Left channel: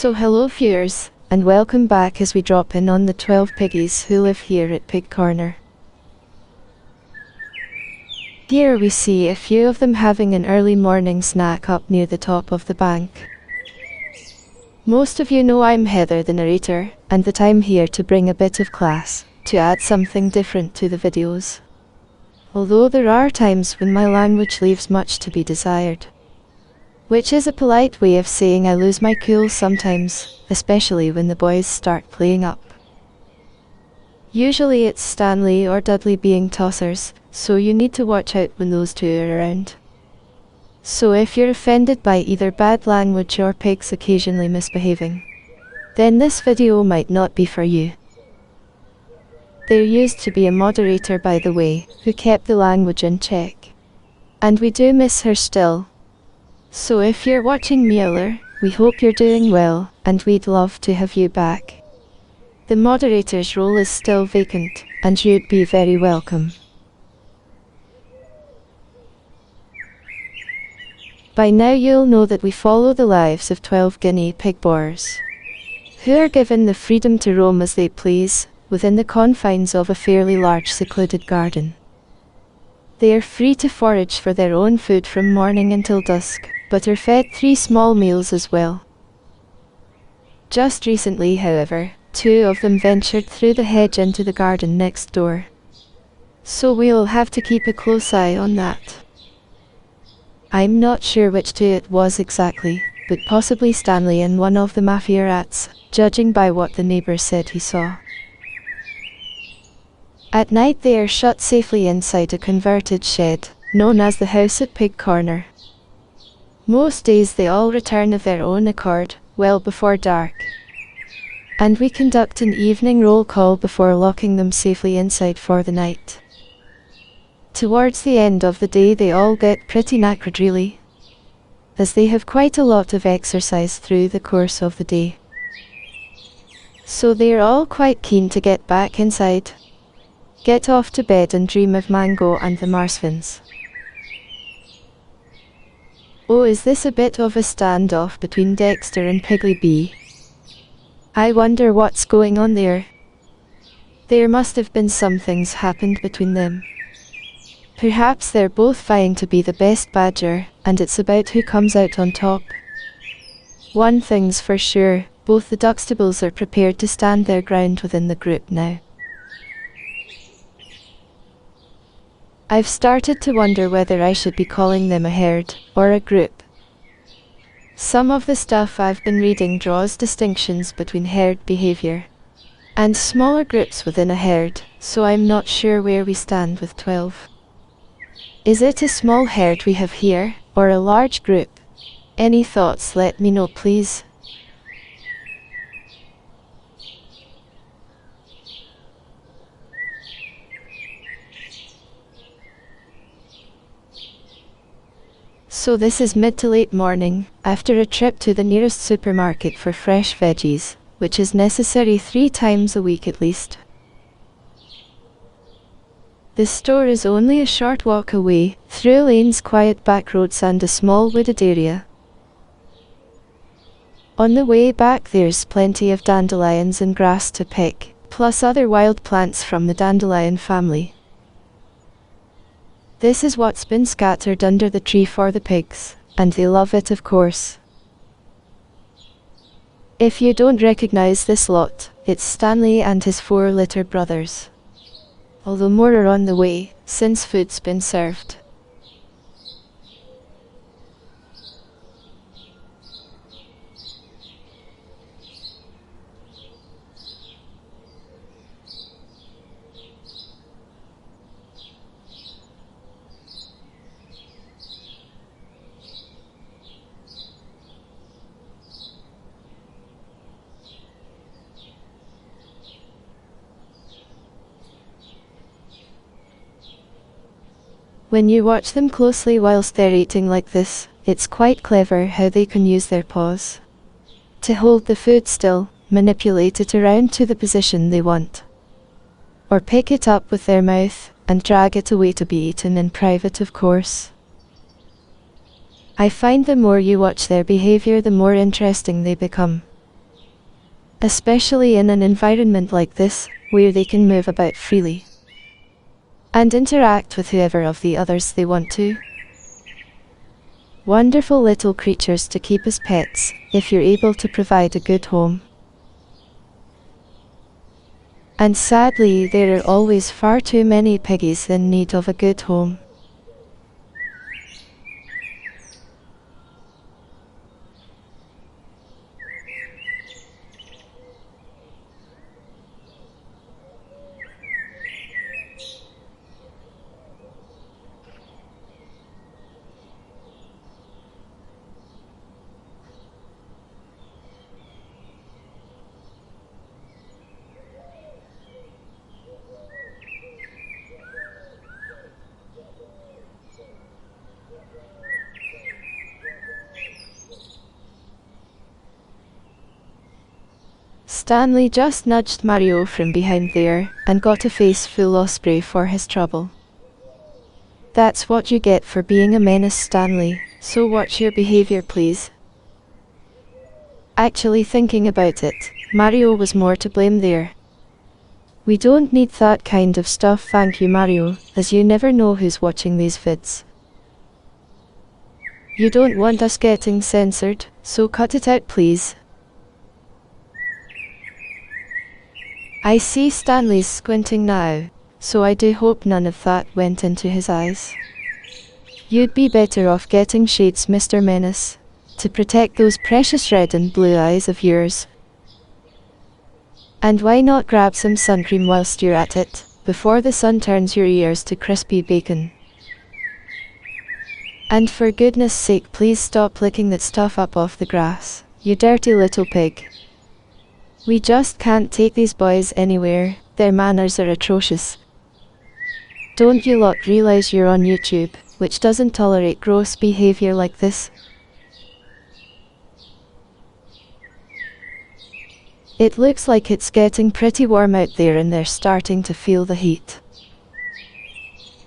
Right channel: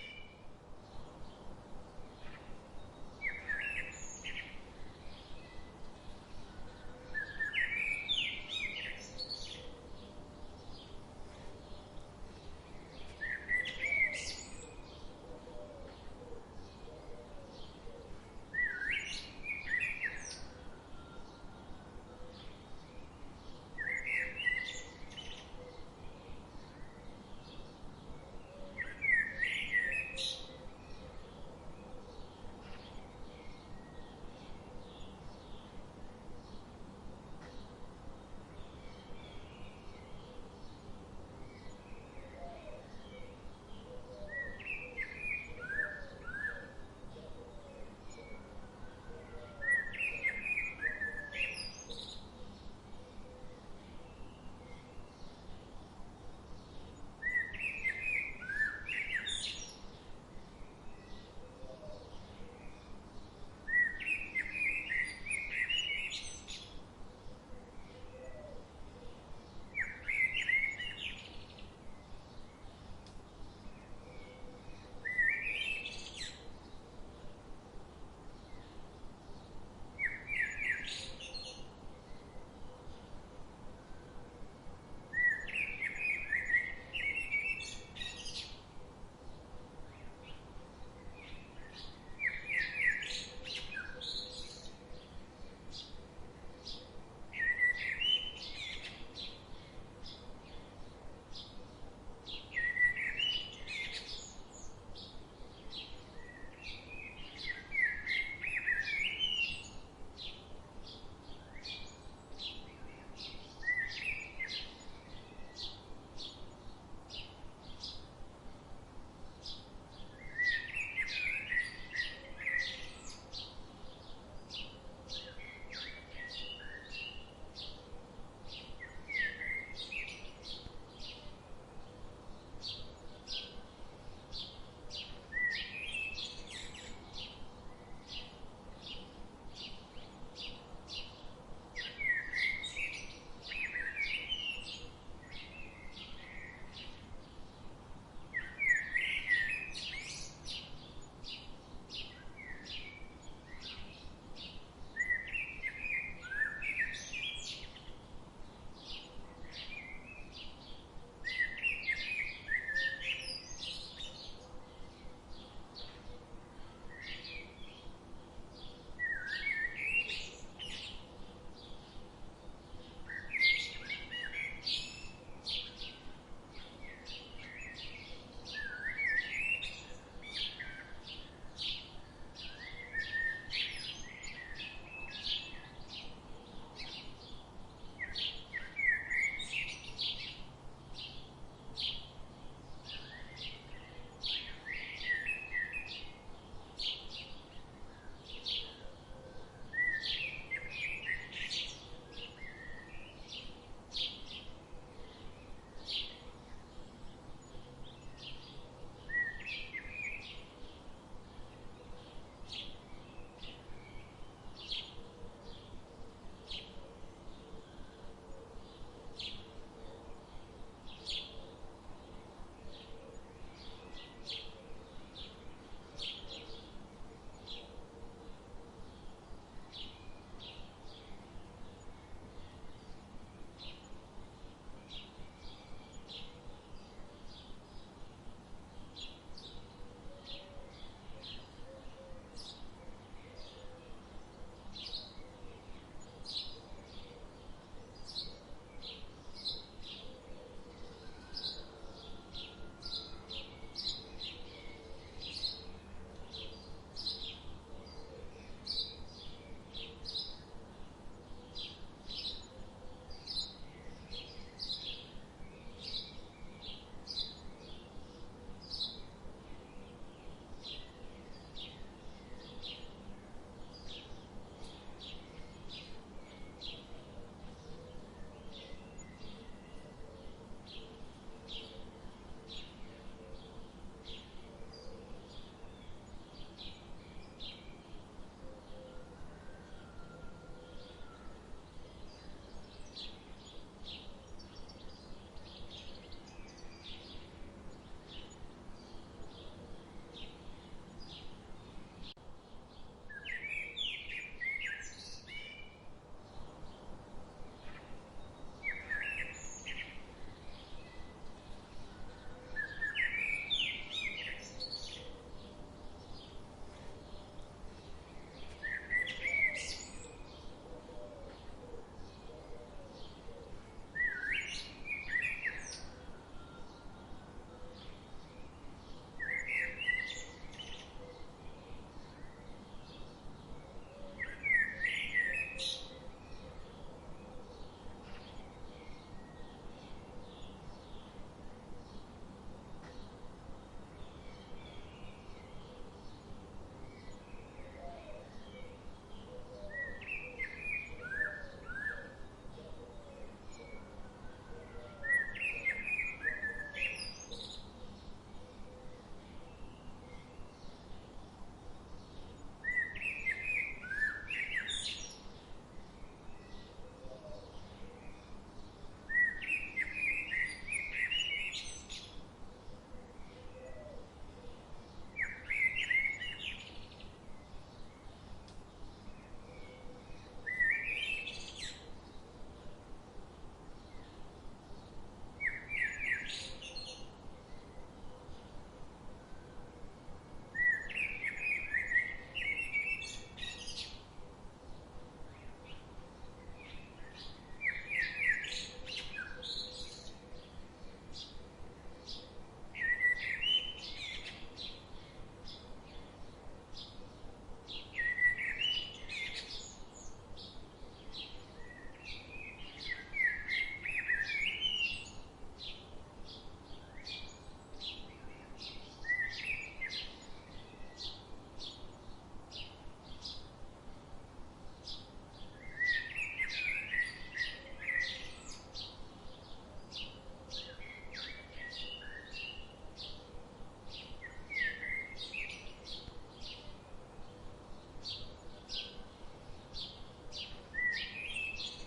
So hello viewers, and welcome back as we drop in on the 12 piggies who live here at Pig Corner. Here we see a few of them having an early morning snack up near the top of the bank. Most of you know I'm Heather the narrator, and that I'm here to bring a bit of class, to add something different to the videos. Although there are times when my language leaves much to be desired. Which is a polite way of saying I lose my cool sometimes, especially when the boys start playing up. Usually it's Stanley or Dudley being tossers, so you need to watch out when those two are around. So if you're offended by either bad language or pigs occasionally misbehaving, then this video might not be for you. There used to be a moderator, by the way, who kept the language in check. And we do miss her still. So if you're watching Mueller, we hope you're doing well, and we'd love to have you back. The moderator's role is still vacant, and you'd be very welcome. By now you'll know that we follow the lives of 12 Guinea pig boars, who are given the freedom to roam as they please, within the confines of a fairly large secluded garden. They are free to forage for their own food from morning until dusk, but are fed 3 small meals as well. Just recently, however, 2 of them ventured through the hedge into the garden next door. So we'll have to keep a close eye on that. I'm not sure which 2 it was exactly, but possibly Stanley and one of the mafia rats, judging by what the neighbour said he saw. At night they are shut safely inside a converted shed, known as the house at Pig Corner. Most days they all return of their own accord, well before dark. And we conduct an evening roll call before locking them safely inside for the night. Towards the end of the day they all get pretty knackered really, as they have quite a lot of exercise through the course of the day. So they are all quite keen to get back inside, get off to bed and dream of Mango and the Marsvins. Oh, is this a bit of a standoff between Dexter and Piggly B? I wonder what's going on there. There must have been some things happened between them. Perhaps they're both vying to be the best badger, and it's about who comes out on top. One thing's for sure, both the Duxtables are prepared to stand their ground within the group now. I've started to wonder whether I should be calling them a herd, or a group. Some of the stuff I've been reading draws distinctions between herd behaviour and smaller groups within a herd, so I'm not sure where we stand with 12. Is it a small herd we have here, or a large group? Any thoughts, let me know please. So this is mid to late morning, after a trip to the nearest supermarket for fresh veggies, which is necessary 3 times a week at least. The store is only a short walk away, through lanes, quiet back roads and a small wooded area. On the way back there's plenty of dandelions and grass to pick, plus other wild plants from the dandelion family. This is what's been scattered under the tree for the pigs, and they love it of course. If you don't recognize this lot, it's Stanley and his 4 litter brothers. Although more are on the way, since food's been served. When you watch them closely whilst they're eating like this, it's quite clever how they can use their paws to hold the food still, manipulate it around to the position they want, or pick it up with their mouth, and drag it away to be eaten in private of course. I find the more you watch their behavior, the more interesting they become. especially in an environment like this, where they can move about freely and interact with whoever of the others they want to. Wonderful little creatures to keep as pets, if you're able to provide a good home. And sadly, there are always far too many piggies in need of a good home. Stanley just nudged Mario from behind there, and got a face full of spray for his trouble. That's what you get for being a menace, Stanley, so watch your behavior, please. Actually, thinking about it, Mario was more to blame there. We don't need that kind of stuff, thank you, Mario, as you never know who's watching these vids. You don't want us getting censored, so cut it out, please. I see Stanley's squinting now, so I do hope none of that went into his eyes. You'd be better off getting shades, Mr. Menace, to protect those precious red and blue eyes of yours. And why not grab some sun cream whilst you're at it, before the sun turns your ears to crispy bacon? And for goodness sake, please stop licking that stuff up off the grass, you dirty little pig. We just can't take these boys anywhere, their manners are atrocious. Don't you lot realize you're on YouTube, which doesn't tolerate gross behavior like this? It looks like it's getting pretty warm out there and they're starting to feel the heat.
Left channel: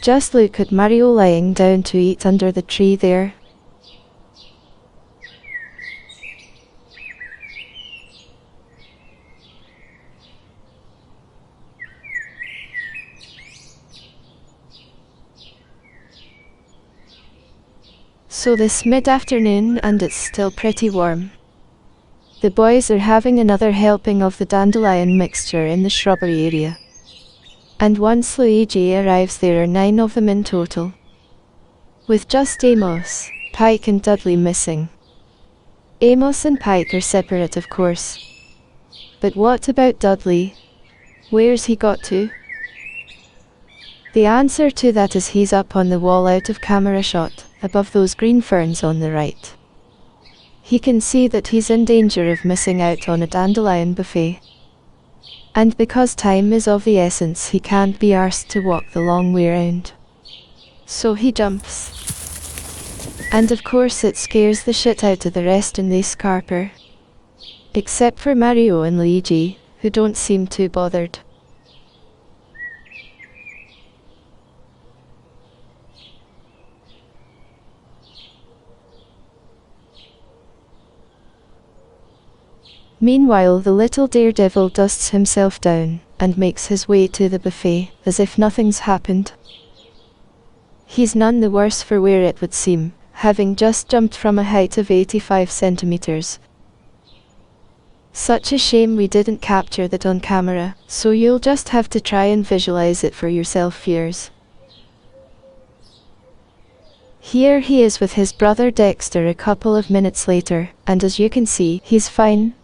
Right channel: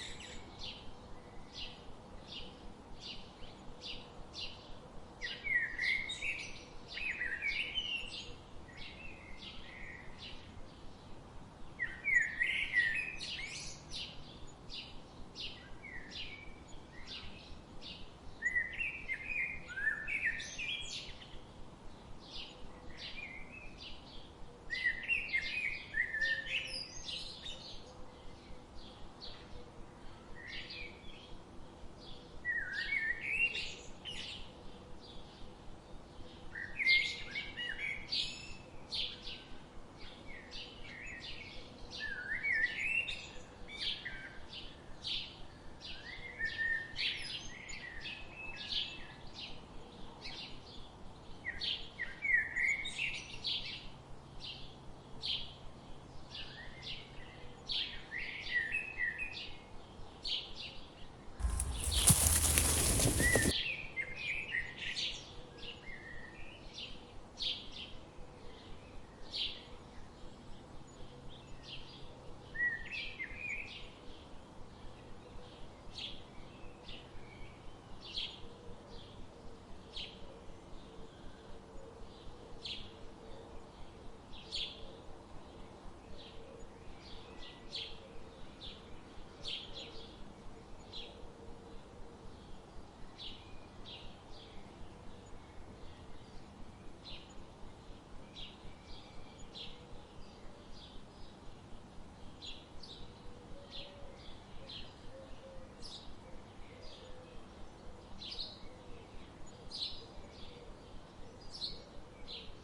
Just look at Mario lying down to eat under the tree there. So this mid-afternoon, and it's still pretty warm. The boys are having another helping of the dandelion mixture in the shrubbery area. And once Luigi arrives, there are 9 of them in total, with just Amos, Pike and Dudley missing. Amos and Pike are separate, of course. But what about Dudley? Where's he got to? The answer to that is he's up on the wall out of camera shot, above those green ferns on the right. He can see that he's in danger of missing out on a dandelion buffet. And because time is of the essence, he can't be arsed to walk the long way round. So he jumps. And of course it scares the shit out of the rest and they scarper. Except for Mario and Luigi, who don't seem too bothered. Meanwhile, the little daredevil dusts himself down, and makes his way to the buffet, as if nothing's happened. He's none the worse for wear, it would seem, having just jumped from a height of 85 centimeters. Such a shame we didn't capture that on camera, so you'll just have to try and visualize it for yourself, viewers. Here he is with his brother Dexter a couple of minutes later, and as you can see, he's fine.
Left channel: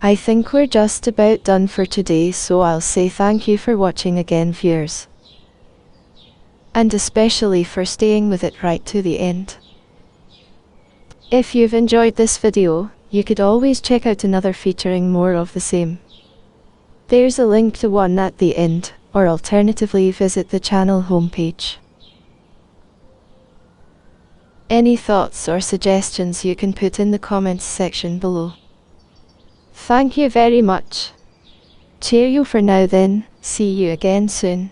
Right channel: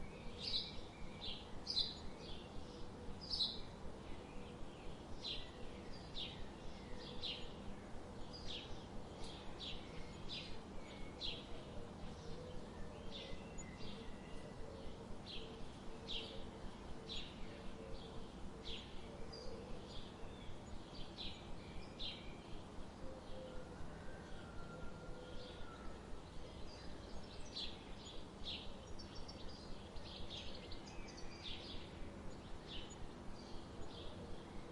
I think we're just about done for today, so I'll say thank you for watching again, viewers. And especially for staying with it right to the end. If you've enjoyed this video, you could always check out another featuring more of the same. There's a link to one at the end, or alternatively visit the channel homepage. Any thoughts or suggestions you can put in the comments section below. Thank you very much. Cheerio for now then, see you again soon.